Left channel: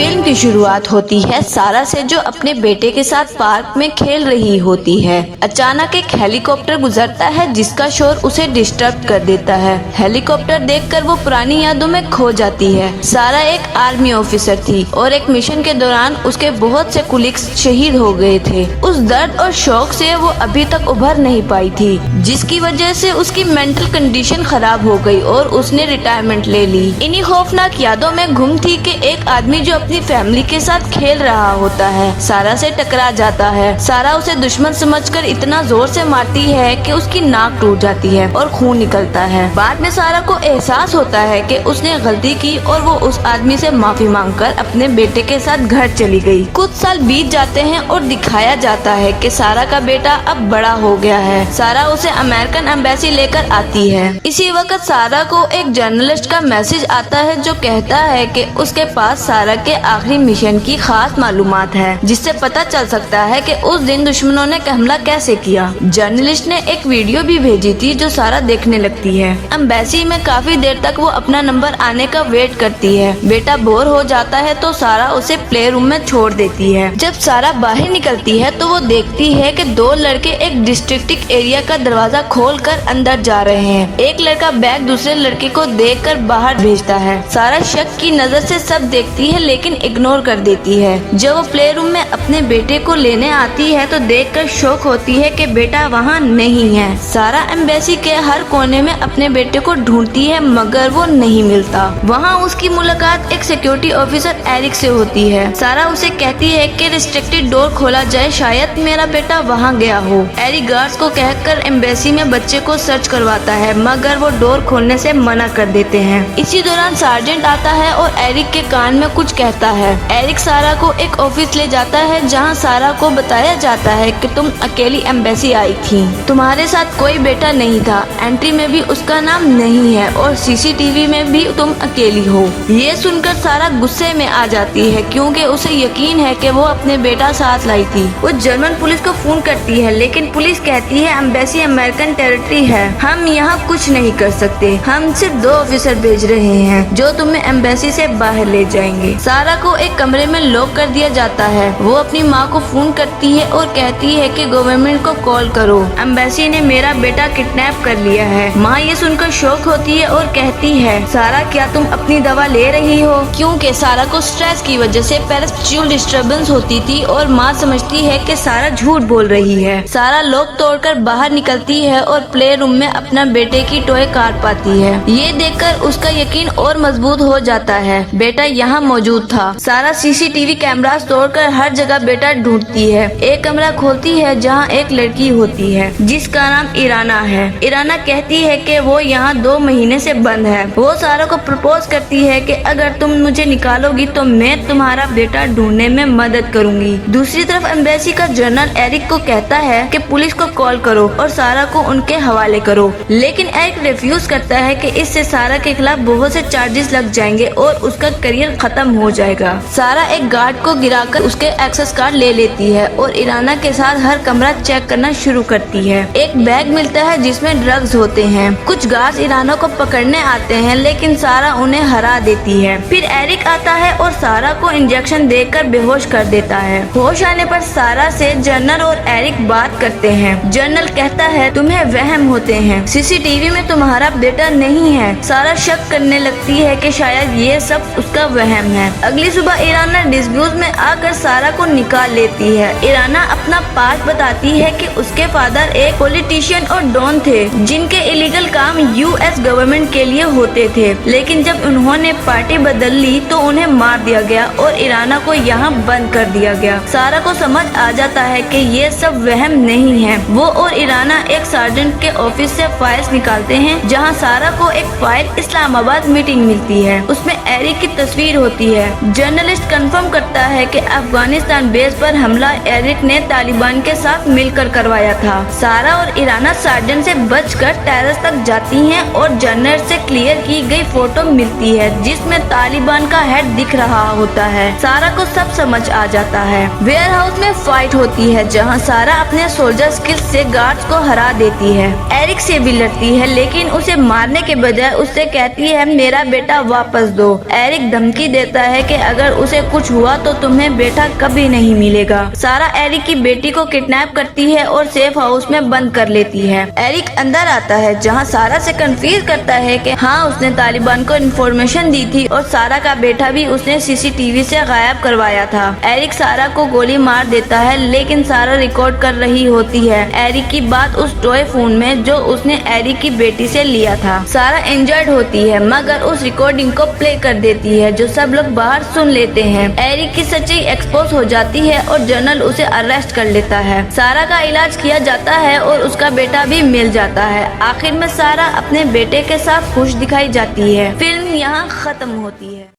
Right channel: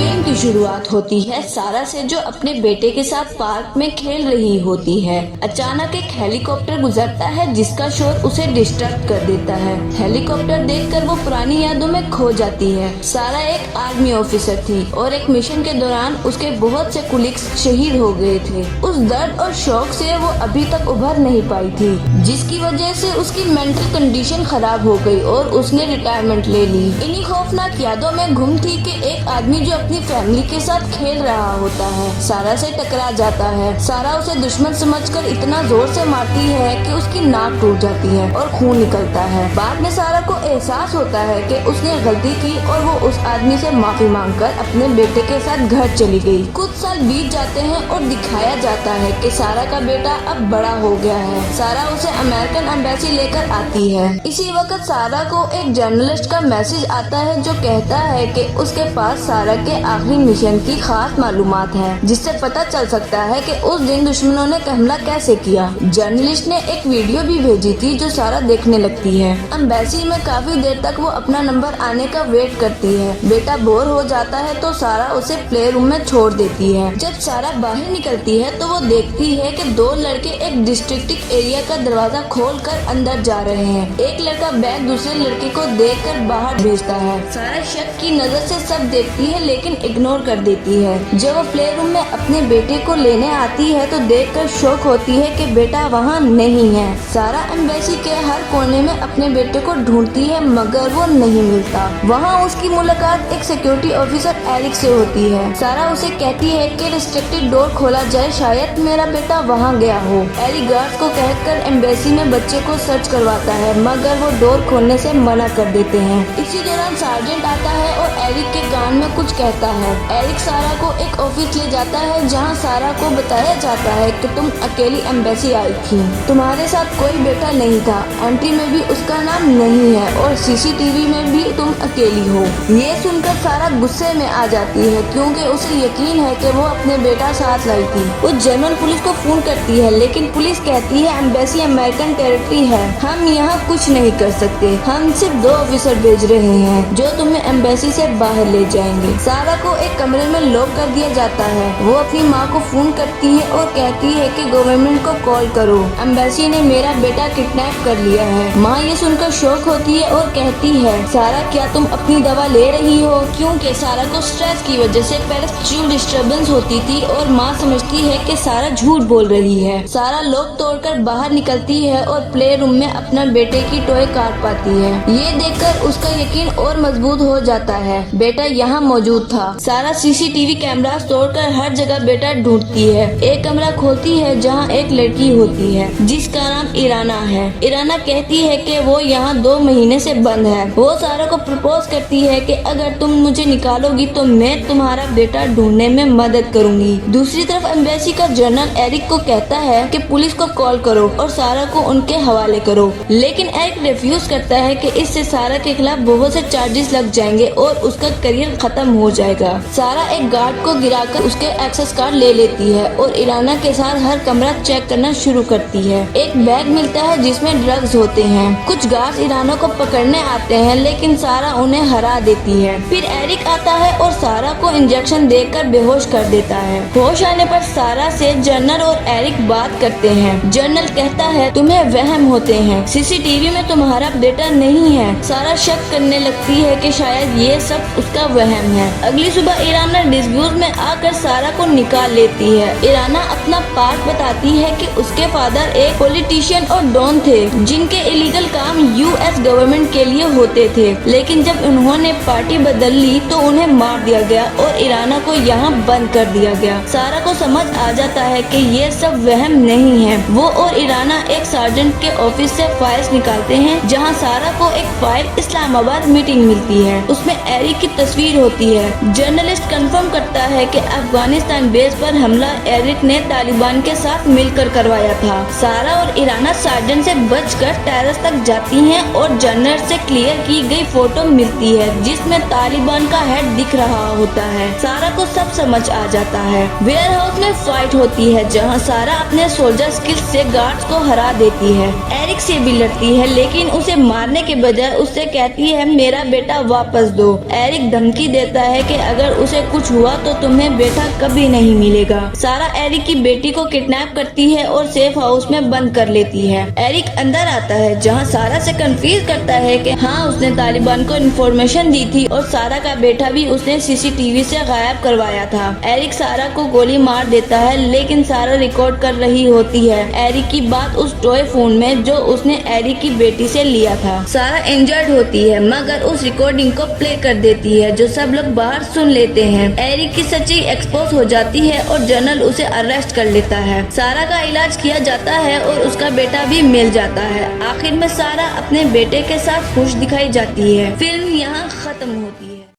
Film की शुरुआत होती है सारा से, जो अपने बेटे के साथ पार्क में खेल रही होती है। अचानक एक हेलीकॉप्टर गुजरता है जिसका शोर उसे डिस्टर्ब कर देता है। हेलीकॉप्टर देखकर वो पुरानी यादों में खो जाती है। सारा एक आर्मी ऑफिसर थी और एक मिशन के दौरान उसके बहुत से कुलीग्स शहीद हो गए थे। उस दर्द और शौक से वो अभी तक उभर नहीं पाई थी, जिसकी वजह से उसकी मेंटल कंडीशन खराब हो गई और उसने रिटायरमेंट ले ली। इन्हीं खौफनाक यादों में गुम थी कि एक आदमी जो अपनी फैमिली के साथ खेल रहा होता है सारा से टकरा जाता है। सारा उसे दुश्मन समझकर इतना जोर से मारती है कि उसकी नाक टूट जाती है और खून निकलता है। बाद में सारा को एहसास होता है कि उसने गलती की और वो उस आदमी से माफी मांगकर अपने बेटे के साथ घर चली गई। कुछ साल बीत जाते हैं और दिखाया जाता है कि सारा का बेटा अब बड़ा हो गया है। सारा उसे अमेरिकन एम्बेसी लेकर आती है। इसी वक्त सारा को एक जर्नलिस्ट का मैसेज आता है जो कहता है कि उसके पास सारा के आखिरी मिशन की खास मालूमात है, जिससे पता चल सकता है कि उस दिन दुश्मनों ने हमला कैसे किया। जर्नलिस्ट ने एक वीडियो भी भेजी थी जो सारा देखने लगती है। एम्बेसी में काफी देर तक वो अपना नंबर आने का वेट करती है। बेटा बोर हो जाता है तो सारा उसे प्ले रूम में छोड़ देती है। जब सारा बाहर निकलती है तो वो देखती है कि दो लड़के एक डिस्ट्रिक्ट एरिया का दरवाजा खोलकर अंदर जा रहे हैं। एक लड़का बैग दूसरे लड़के को देखकर बाहर भेजता है। सारा शक की नजर से सब देखती है लेकिन इग्नोर कर देती है। जब वो प्ले रूम में अपने बेटे को लेने आती है तो देखकर शौक होती है कि बेटा वहाँ नहीं है। सारा एम्बेसी के हर कोने में अपने बेटे को ढूंढती है मगर वो नहीं मिलता। वहाँ उसकी मुलाकात एक सिक्योरिटी ऑफिसर एरिक से होती है। सारा उसे कहती है कि रिस्ट्रिक्टेड डोर खोला जाए, शायद मेरा बेटा वहाँ गया हो। एरिक गार्ड्स को कहकर एम्बेसी में बच्चे को सर्च करवाता है मगर वो डोर खोलने से मना कर देते हैं। इसी दौरान सार्जेंट आता है और एरिक के कान में कुछ कहता है। एरिक सारा को एक ऑफिस ले जाता है जहाँ सारा को बताया जाता है कि तुम अकेली एम्बेसी आई थी, तुम्हारे साथ कोई बेटा नहीं था, एंट्री में भी उसका नाम नहीं है और सीसीटीवी में भी तुम अकेली हो। ये सुनकर सारा गुस्से में आ जाती है क्योंकि उसे यकीन है कि वो अपने बेटा साथ लाई थी। वो जर्मन पुलिस को फोन करती है लेकिन पुलिस कहती है एम्बेसी अमेरिकन टेरिटरी है, हम यहाँ कुछ नहीं कर सकते, हम सिर्फ 2 ऑफिसर भेज रहे हैं जो तुम्हें एम्बेसी से बाहर ले जाएंगे। सारा को एक कमरे में लॉक कर दिया जाता है। वो अपनी माँ को फोन करती है और कहती है कि गवर्नमेंट को कॉल करो, एम्बेसी ने मेरा बेटा किडनैप कर लिया है। माँ ये सुनकर शॉक होती है और कहती है सारा क्या तुम अपनी दवा ले रही हो, क्योंकि सारा को स्ट्रेस की वजह से पेरिस्टिशियल डिस्टर्बेंस होती थी और माँ समझती है कि सारा झूठ बोल रही है। सारा लॉक तोड़कर बाहर निकलती है और प्ले रूम में अपना बेटे की टॉय कार पाती है। ये देखकर उसका यकीन और मजबूत हो जाता है, बेटा यहाँ मौजूद था। सारा सीसीटीवी कैमरा तोड़कर हर जगह बेटा ढूंढती है। एक कमरा खोलती है जहाँ एक लड़की होती है जिसका नाम इराना है। इराना कहती है कि वो यहाँ 2 महीने से बंद है। वो सारा को प्रपोज करती है कि अगर तुम मुझे निकालोगी तो मैं तुम्हारा बेटा ढूंढने में मदद करूंगी। दूसरी तरफ एम्बेसी का जनरल एरिक को कहता है कि पुलिस को कॉल करो और सारा को उनके हवाले करो, लेकिन एरिक रिफ्यूज करता है कि इससे सारा के खिलाफ बहुत से चार्जेस लग जाएंगे और उसका करियर खत्म हो जाएगा। सारा एक गार्ड को गिराकर उसके एक्सेस कार्ड ले लेती है और इराना के साथ हर कमरा चेक करना शुरू करती है। एक बैग मिलता है जिसमें ड्रग्स होते हैं। कुछ गार्ड्स इराना को पकड़ने आते हैं लेकिन सारा उन्हें हरा देती है। फिर एरिक आता है और सारा को इंजेक्शन देकर बेहोश कर देता है। होश आने पर सारा से जनरल और एरिक बात करते हैं। जनरल कहता है तुम्हें वहम होते हैं, सीसीटीवी में तुम्हारा बेटा नहीं है। सारा शक करने लगती है कि शायद ये सब उसका वहम है। अगली सुबह इराना डिस्प्यूट में आकर सारा को निकाल लेती है। इराना अपना पास बताती है कि उसके फादर एक पॉलिटिशियन और डॉन थे जिनके इलीगल काम यूएस गवर्नमेंट के लिए होते थे, लेकिन जब उन्होंने पार्टी बदल ली तो उन्हें मार दिया गया और इराना को यहाँ बंद कर दिया गया। सारा को समझ आ जाता है कि ये सब वहम नहीं है। वो और इराना एक सार्जेंट के ऑफिस से फाइल्स निकालते हैं जहाँ सारा को एक फाइल इस्लामाबाद मीटिंग मिलती है। उसमें एरिक की तस्वीर होती है। जर्नलिस्ट कंफर्म करता है कि अफगानिस्तान बेस पर हमला एरिक ने तालिबान के साथ मिलकर करवाया था। सारा और इराना सार्जेंट से बचकर टेरेस तक जाती हैं और जर्नलिस्ट से क्लियर की गई फोटो मिलती है जिसमें तालिबान का हेड दिख रहा होता है। सारा को सब समझ आ जाता है। वेयर हाउस में फाइट होती है जहाँ सारा अपने सोल्जर स्किल्स से गार्ड्स को हरा देती है। एरिक से भी लड़ती है लेकिन उसे मारने के बजाय उससे कहती है मेरा बेटा वापस दो। एरिक धमकी देता है कि अगर अगर उसे कुछ हुआ तो तुम्हें बेटा कभी नहीं मिलेगा। सारा एरिक की बेटी को किडनैप करती है और सेफ हाउस में बंद कर लेती है। एरिक अंदर आता है जहाँ सारा से कंफ्यूज करता है कि हाँ उसने तालिबान को इन्फॉर्मेशन दी थी और सारा का बेटा भी उसने सीसीटीवी से गायब करवाया था। एरिक सारा को गोली मार देता है लेकिन सारा रिकॉर्ड कर रही होती है एरिक की बात उस टॉय फोन में जो उसने एरिक की बेटी से लिया था। सारा इंजर्ड होती है मगर उस रिकॉर्डिंग को प्ले कर देती है जो सब लोग बाहर सुन लेते हैं। एरिक की सच्चाई एक्सपोज हो जाती है और जनरल उसे अरेस्ट कर लेता है। सारा का इलाज किया जाता है और उसका बेटा भी मिल जाता है। आखिर में सारा अपने बेटे के साथ खुश दिखाई जाती है। फिल्म यहाँ खत्म होती है।